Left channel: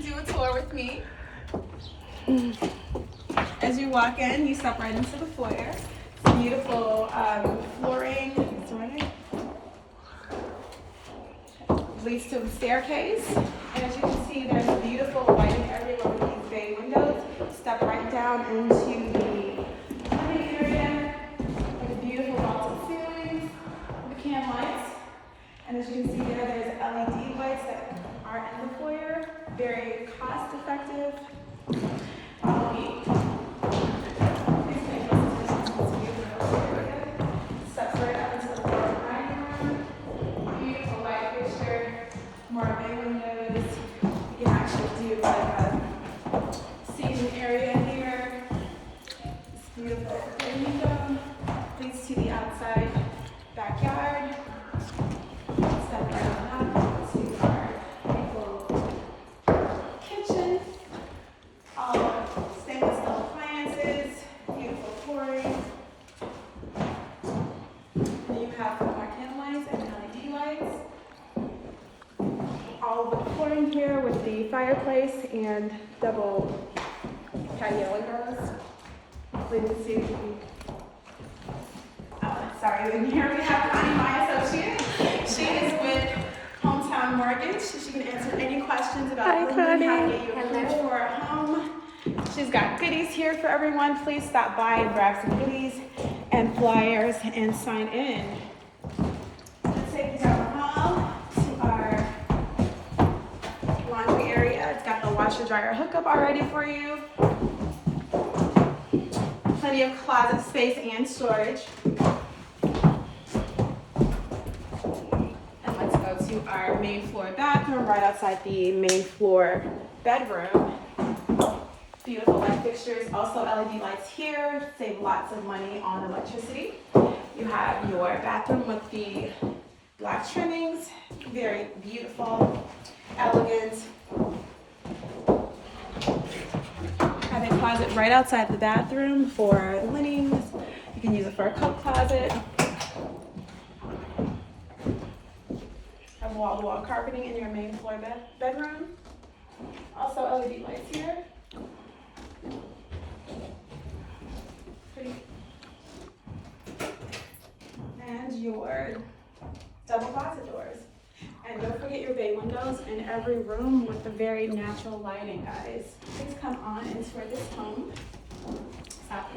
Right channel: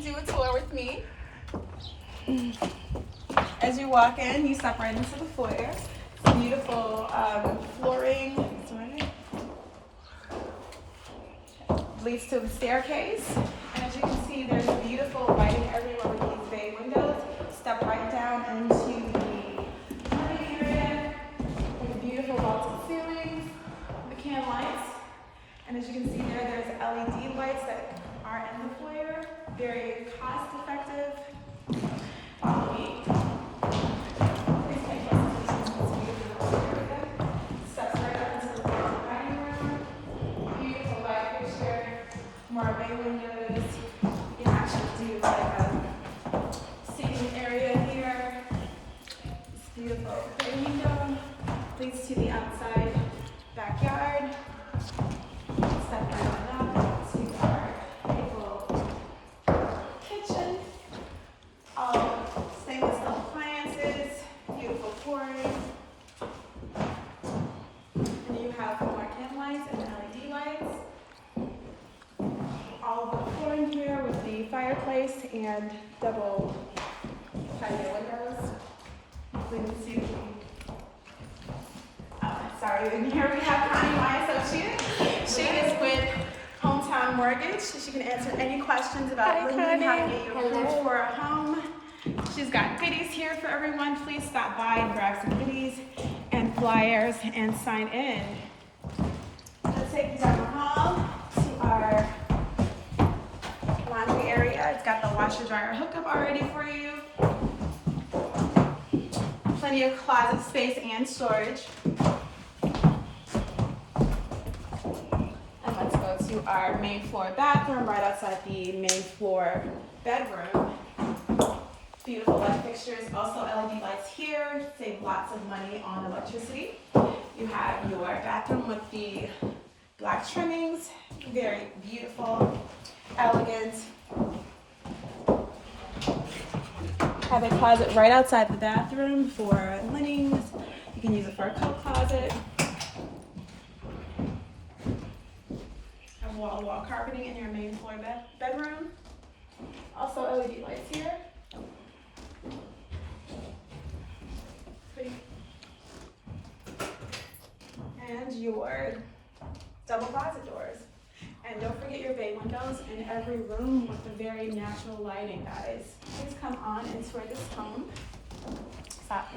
do a tour with me. As you walk in, you step right into the foyer. Beautiful flooring. Leads to the staircase. And as you can see, there's a beautiful lighting area with these bay windows. Step right down into the living area with a beautiful vaulted ceilings, the can lights. And as you can see there, there's LED lights that are in the foyer. Very cost effective. Follow me. Please take close attention to this beautiful area. Step right up into the dining room. Beautiful light fixture. More bay windows. You can actually do like a seating area here. This beautiful bay window leads to the outside backyard. Step right up to our beautiful kitchen. All stainless steel appliances, beautiful flooring. And then you have marquee lights and LED lights. All of the flooring here with the fireplace and double patio windows. Leading to sorry, in here we have Connie, my associate. She is with Hometown Mortgage. She can answer any questions about lending, how to get you approved for a home. She's got goodies here for everyone. Please stop by and grab some goodies and flyers and sign in. Let's take you down the hall to our laundry area. It's got the washer dryer hookup already for you. Plenty of closet space and storage. And let's go to our main floor bathroom right outside the main floor bedroom. Beautiful light fixtures, also LED lights here, save lots of money on electricity. You have your bathroom with the black trimmings, very beautiful, elegant. Have a closet right outside the bathroom for linens. You can use it for a coat closet. Have wall-to-wall carpeting in your main floor bedroom. Also LED lights here. And your double closet doors. And don't forget your bay windows in every room with the very natural lighting, guys. Please come on and tour this home. Stop.